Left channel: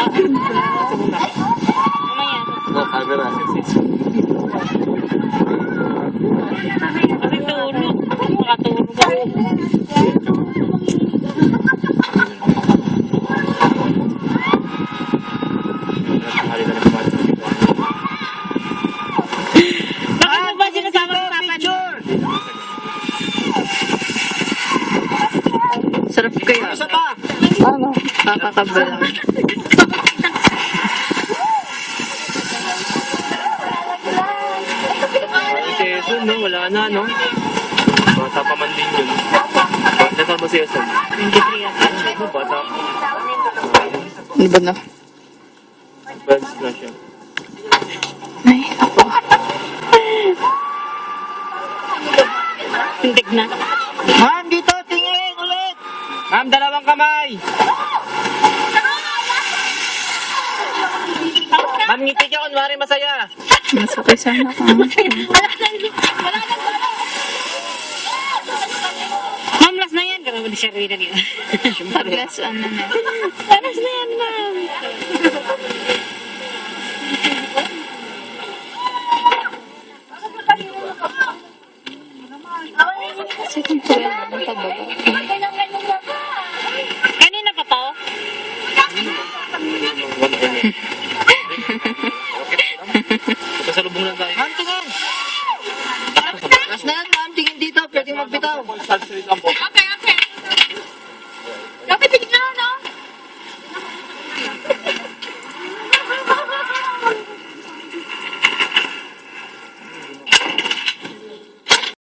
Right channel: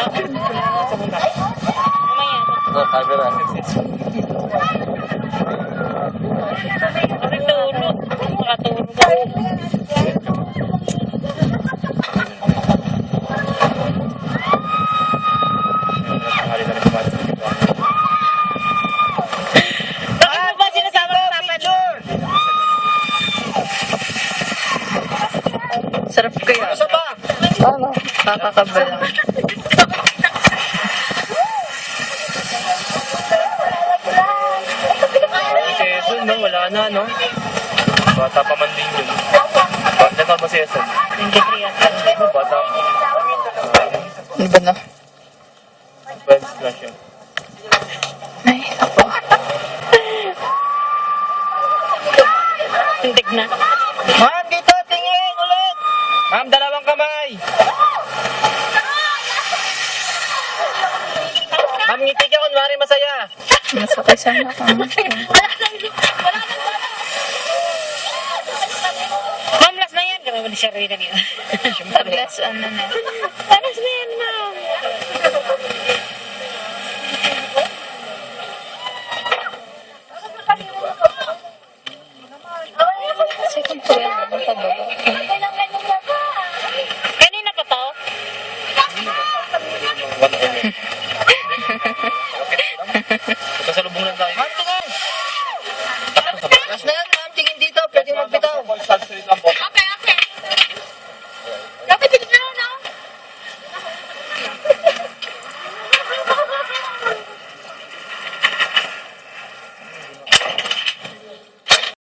Ito muna. Mamaya. Oh, camera. Kasi tulog. Makatulog ako. Nakakali na rin kumain. Bakit mo ba sinasama ng papa niyo? Sarap kaya. Isa pa! Ano? Kakakabalang. Quezon, no? Wala na, no? Bata pa man din yun. Bata ba si Quezon? 23 at Ano, bata? Ano ba na? Bad splash yun. Ay, ako. Tindig na. Ma'am, dito! Tingin ulit! Ma'am, dalawang kamay! Ma'am, ngiti ka kunwari masaya. Masakay sana ako. Ma'am, last na yan. Kami ba di siya rin na niya? Paglas, ano na. Last na yan, ma'am. Second po yan. Ang pababa. Kanina pa to? One hour. Magkasalubong lang tayo. Ma'am, tingin! Last na yan, ma'am. Tingin dito. Pwede magbitaw.